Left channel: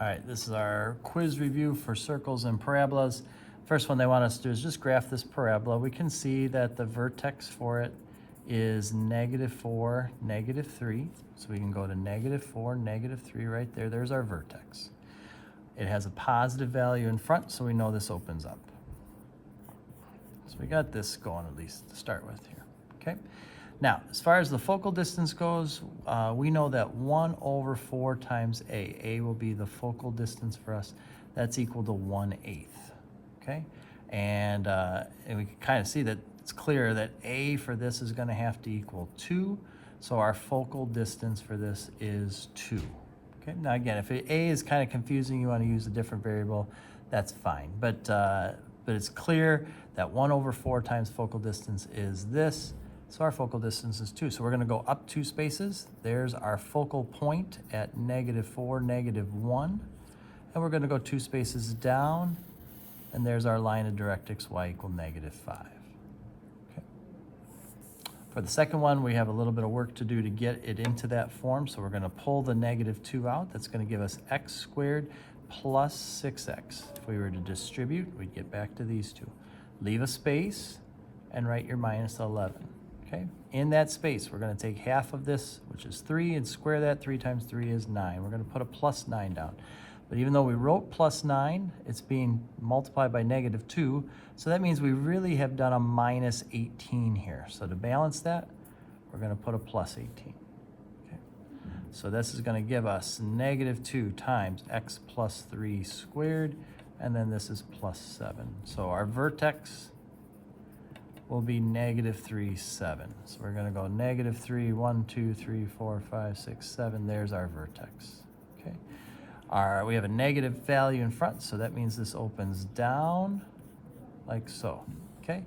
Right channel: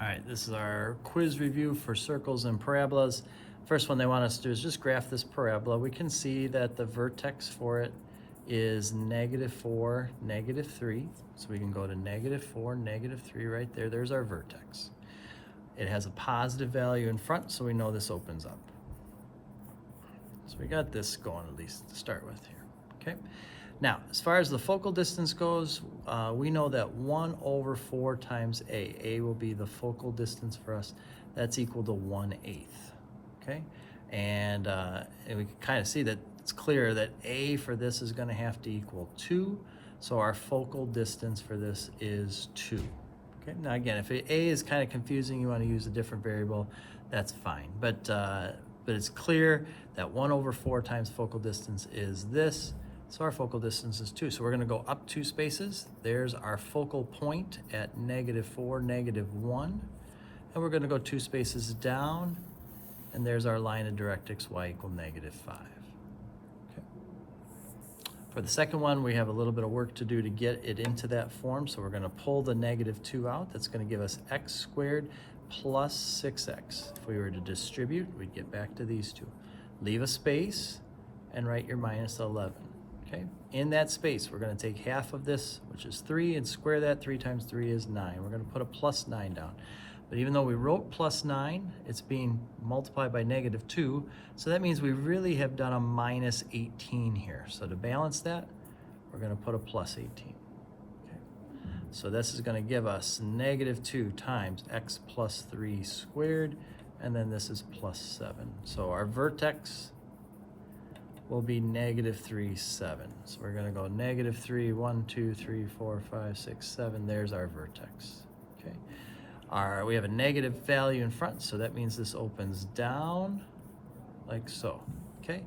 All right, this is our quiz review for circles and parabolas. First one they want us to do is just graph this parabola. We can see that the vertex for it is -4, -3. So we can go to -4, -3 right there. There's our vertex. It has a positive value in front, so we know this opens up. So we got this going at least to start with here, okay? Now, as far as the focal distance goes, we know that 1/4 times A. A will be the focal distance for us. That's equal to 1/8, okay? And we can kind of see that it's clear that A for this is going to have to equal 2. So our focal distance for this is 2. Okay? Now again, if A is kind of confusing, you want to use a different variable, that's fine. But it's clear that 1/4 times focal distance is this. So our focal distance is 2. So we're going to go up 2 spaces. There's our focal point at -4, -1. And we're going to go 2 spaces down. And there's our line of directrix y equal -5. Okay. For the second one, we have a little bit of work to do to get it into that form. So we're going to pull the -2 out. That's going to give us x squared plus 6x. If we were to distribute, we'd get back to these two. Leave a space and write your -11. Okay. In that space, we're going to take half of this, which is 3, and square that. 3 times 3 is 9. We're going to put a +9 down. But even though we wrote +9, it's being multiplied by -2. So that means we really have done a -18 here. So to balance that, we're going to put a +18. Okay. So this is going to give us -2 times x plus 3 squared. And then this is +7. So our vertex will be -3, 7. So we're going to go -3, 1, 2, 3, 4, 5, 6, 7. There's our vertex. Okay. We have a negative value in front, so that means this opens down like so. Okay.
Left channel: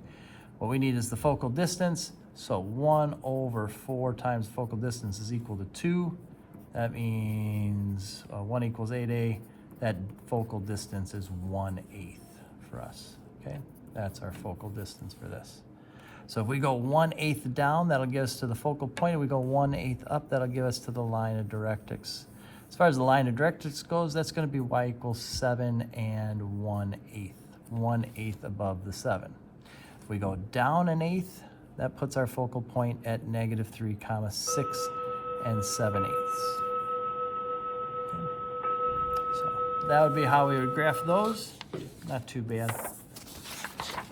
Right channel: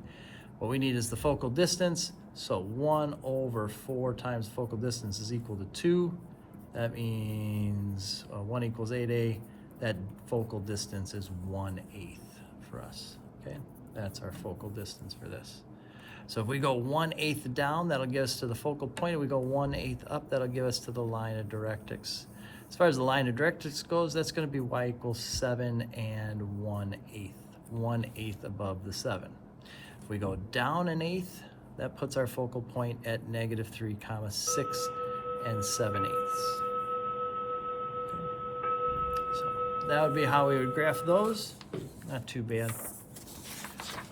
What we need is the focal distance. So 1/4 times focal distance is equal to 2. That means 1 equals 8a. That focal distance is 1/8 for us. Okay. That's our focal distance for this. So if we go 1/8 down, that'll get us to the focal point. If we go 1/8 up, that'll give us to the line of directrix. As far as the line of directrix goes, that's going to be y equals 7 and 1/8. 1/8 above the 7. If we go down 1/8, that puts our focal point at -3, 6 and 7/8. So that would be how we would graph those. Not too bad.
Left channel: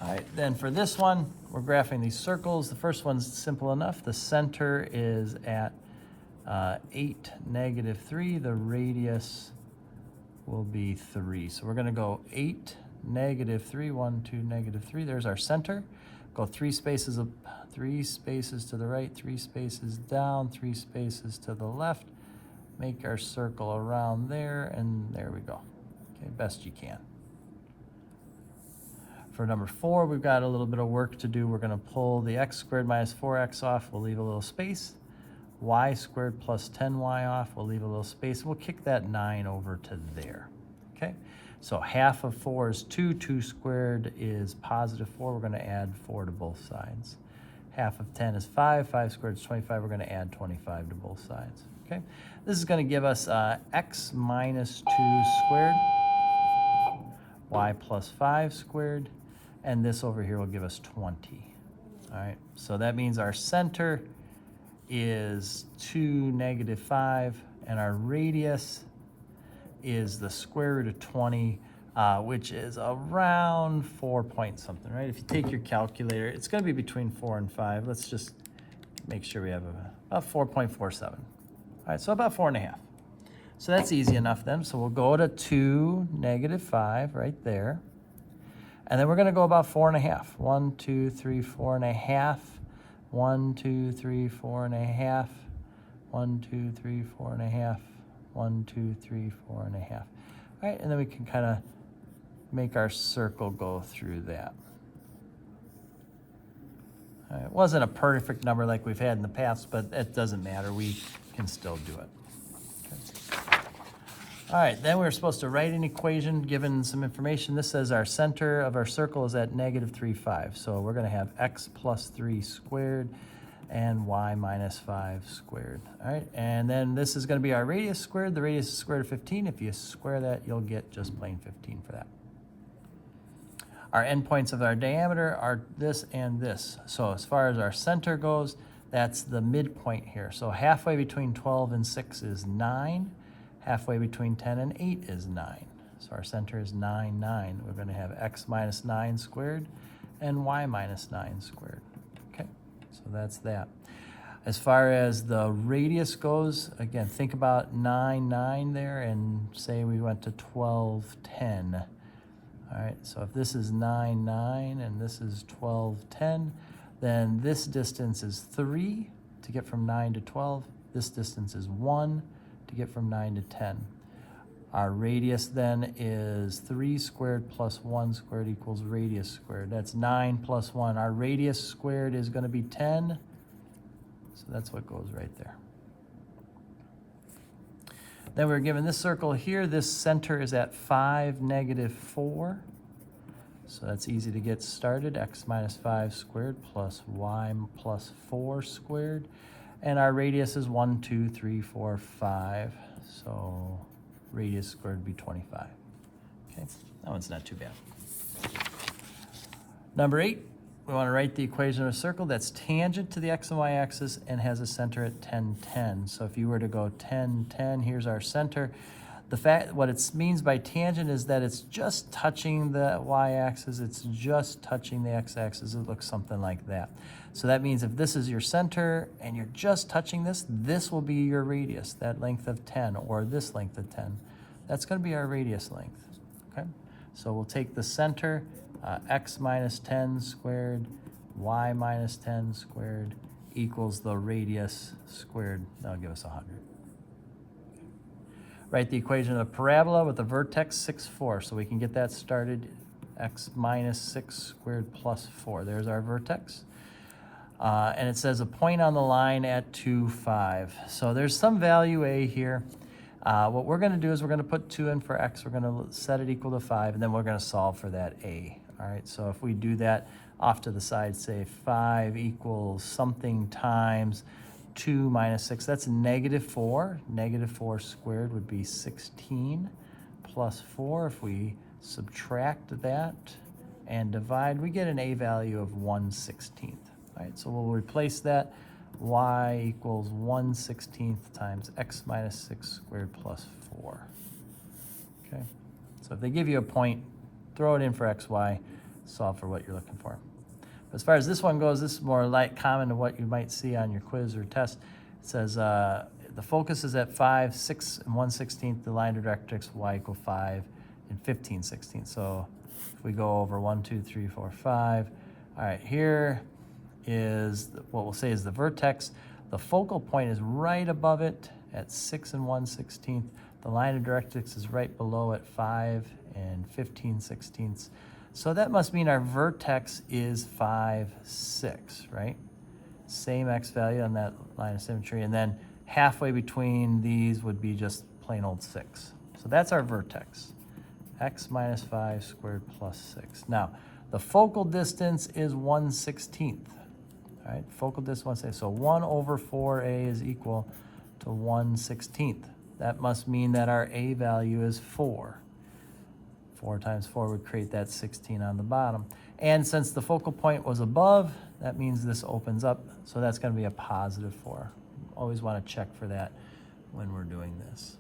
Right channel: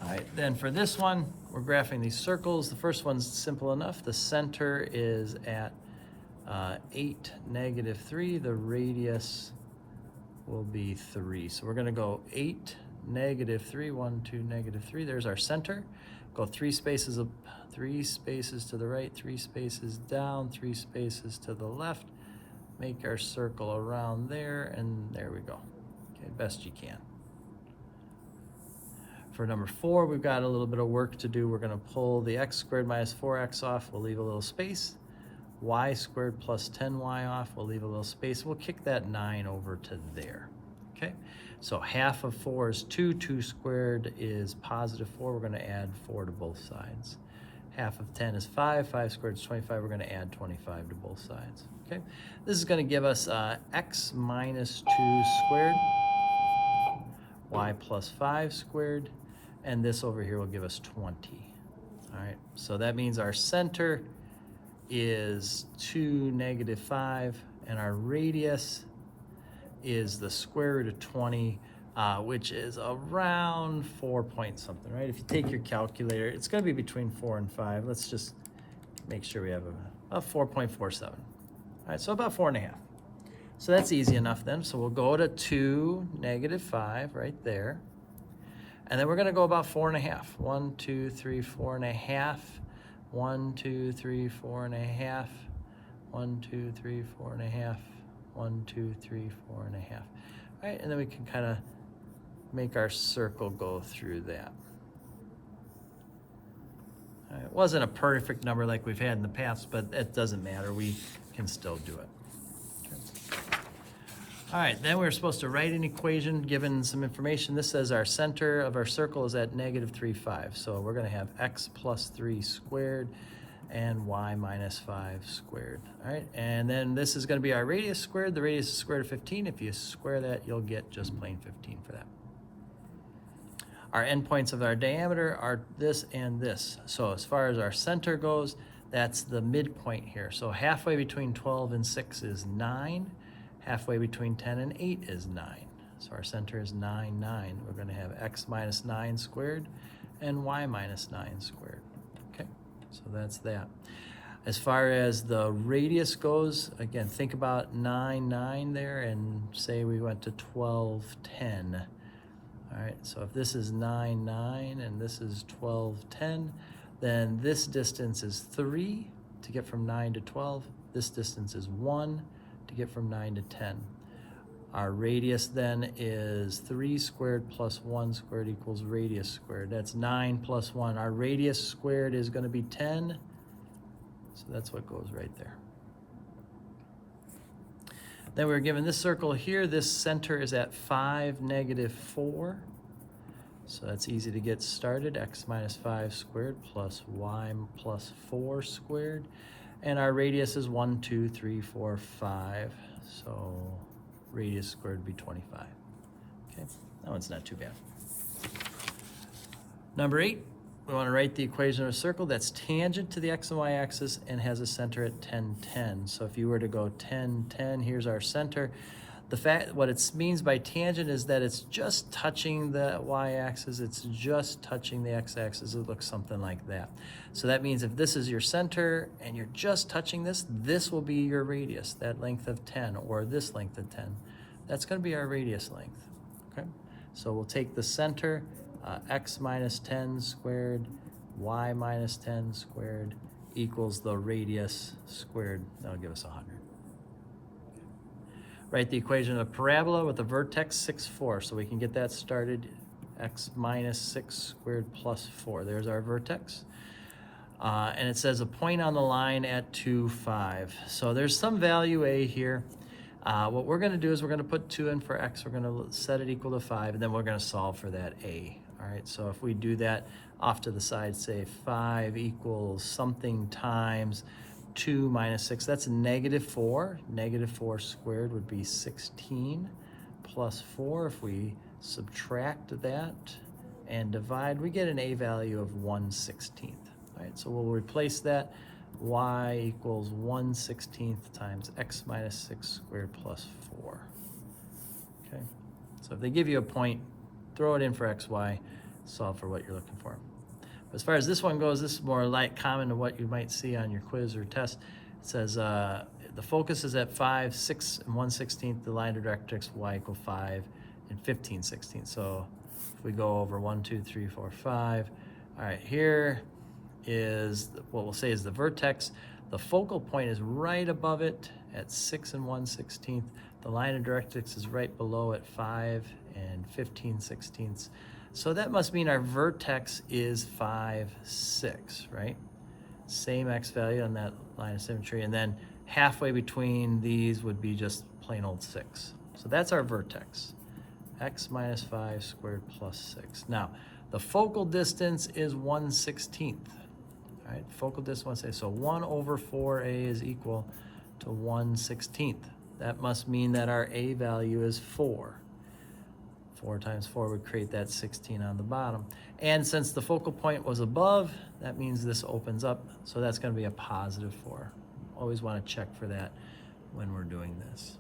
All right, then for this one, we're graphing these circles. The first one's simple enough. The center is at 8, -3. The radius will be 3. So we're going to go 8, -3, 1, 2, -3. There's our center. Go 3 spaces up, 3 spaces to the right, 3 spaces down, 3 spaces to the left. Make our circle around there, and there we go. Okay, best you can. For number 4, we've got a little bit of work to do. We're going to pull the x squared minus 4x off. We'll leave a little space. Y squared plus 10y off. We'll leave a little space. We'll kick that 9 over to there. Okay? So half of 4 is 2. 2 squared is +4. We're going to add 4 to both sides. Half of 10 is 5. 5 squared is 25. We're going to add 25 to both sides. Okay? This is going to give us x minus 2 squared, y plus 5 squared, and this over here will give us 20. All right, so that means our center is 2, -5, and our radius is the square root of 20, which is around 4 point something, right? If you take your calculator, it's going to be between 4 and 5. Let's just make sure we have about 4.47. All right, so about 4.5. So that's easy enough then. So we'll go to 2, -5 right there. And then we're going to go about 4.5. 1, 2, 3, 4.5. 1, 2, 3, 4.5. 1, 2, 3, 4.5. 1, 2, 3, 4.5. All right, and then we can kind of make our circle go through that. All right, it wasn't a perfect number like we've had in the past, but it doesn't matter. We can still do it. All right, then we're supposed to write an equation given some information. This says our center of our circle is at -3, 5. So we're going to have x plus 3 squared and y minus 5 squared. All right, and then this is going to be our radius squared. The radius is square root of 15. If you square that, you'll get just plain 15 for that. Our endpoints of our diameter are this and this. So as far as our center goes, that's the midpoint here. So halfway between 12 and 6 is 9. Halfway between 10 and 8 is 9. So our center is 9, 9. We're going to have x minus 9 squared and y minus 9 squared. Okay, so that's that. As far as the radius goes, again, think about 9, 9 there, and say we went to 12, 10. All right, so if this is 9, 9, and this is 12, 10, then this distance is 3 to get from 9 to 12. This distance is 1 to get from 9 to 10. Our radius then is 3 squared plus 1 squared equals radius squared. That's 9 plus 1. Our radius squared is going to be 10. So that's what goes right there. Then we're given this circle here. This center is at 5, negative 4. So that's easy to get started. X minus 5 squared plus y plus 4 squared. And our radius is 1, 2, 3, 4, 5. So radius squared would be 25. Okay, that one's not too bad. Number 8, we want to write the equation of a circle that's tangent to the x and y axis and has a center at 10, 10. So if you were to go 10, 10, here's our center. What it means by tangent is that it's just touching the y-axis, it's just touching the x-axis. It looks something like that. So that means if this is your center and you're just touching this, this will be your radius, that length of 10, or this length of 10. That's going to be our radius length. Okay? So we'll take the center, x minus 10 squared, y minus 10 squared equals the radius squared. That'll give us 100. Write the equation of a parabola with a vertex 6, 4. So we can get that started. X minus 6 squared plus 4. There's our vertex. And it says a point on the line at 2, 5. So there's some value a here. What we're going to do is we're going to put 2 in for x. We're going to set it equal to 5, and then we're going to solve for that a. All right, so if we do that off to the side, say 5 equals something times 2 minus 6, that's negative 4. Negative 4 squared would be 16 plus 4. If we subtract that and divide, we get an a value of 1/16. All right, so we'll replace that. Y equals 1/16 times x minus 6 squared plus 4. Okay, so if they give you a point, throw it in for x, y, solve for what you're looking for. As far as this one goes, this is more common to what you might see on your quiz or test. It says the focus is at 5, 6 and 1/16. The line of directrix y equal 5 and 15/16. So if we go over 1, 2, 3, 4, 5. All right, here is what we'll say is the vertex. The focal point is right above it at 6 and 1/16. The line of directrix is right below at 5 and 15/16. So that must mean our vertex is 5, 6, right? Same x value on that line of symmetry, and then halfway between these would be just plain old 6. So that's our vertex, x minus 5 squared plus 6. Now, the focal distance is 1/16, right? Focal distance 1/16, so 1 over 4a is equal to 1/16. That must mean that our a value is 4. 4 times 4 would create that 16 on the bottom. And since the focal point was above, that means this opens up, so that's going to be a positive 4. Always want to check for that when we're doing this.